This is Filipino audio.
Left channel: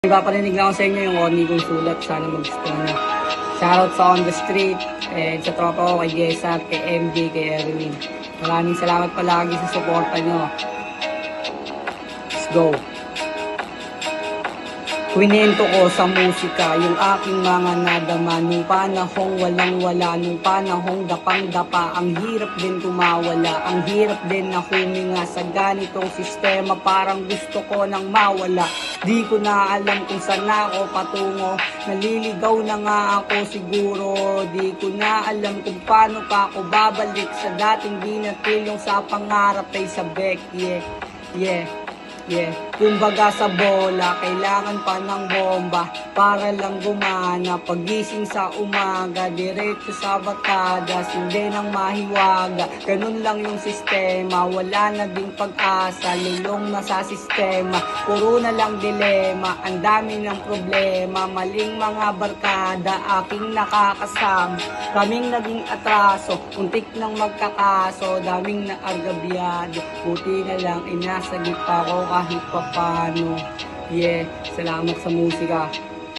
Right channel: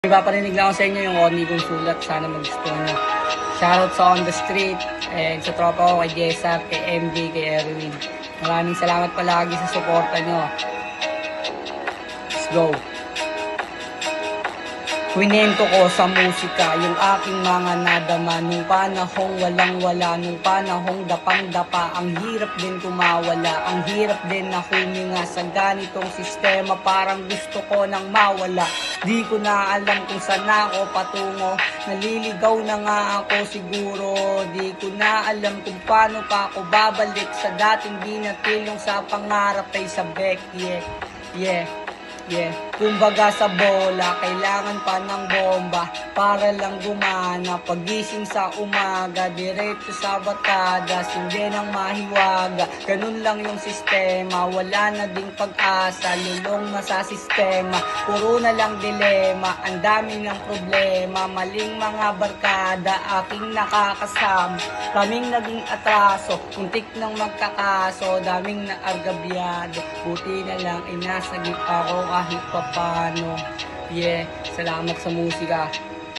Paparinig lang ako sa inyo yung corny kong sulat. Sana magustuhan nyo. Shoutout sa On The Street, sa tropa ko, kay Jessa, kay MJ, kay Erwin. Maraming salamat palagi sa suporta nyo. Let's go. Kwinento ko sa musika yung aking mga nadama nung panahong walang-wala, nung panahong dapang-dapa. Ang hirap din kumawala, ang hirap din na huminga sa ganitong sistema. Parang gusto ko nang mawala, di ko na alam kung saan ako patungo. Naliligaw na nga ako siguro, di ko na alam kung paano pa ako babalik sa dating binatilong sa pangarap ay sabek. Kumbaga sa bola, kailangan pa ng bomba para lang gumana. Pagising sa umaga, diretso sa batadas, hindi nang mahiwaga. Ganun lang yung sistema, wala na ding pag-asa, lulong na sa sistema. Puro na lang dilema, ang dami ng problema. Maling mga barkada, aking nakakasama. Kaming naging atraso, untik nang magkakaso, daming naargabyado. Buti na lang, inasagip ako kahit papano. Salamat sa musika.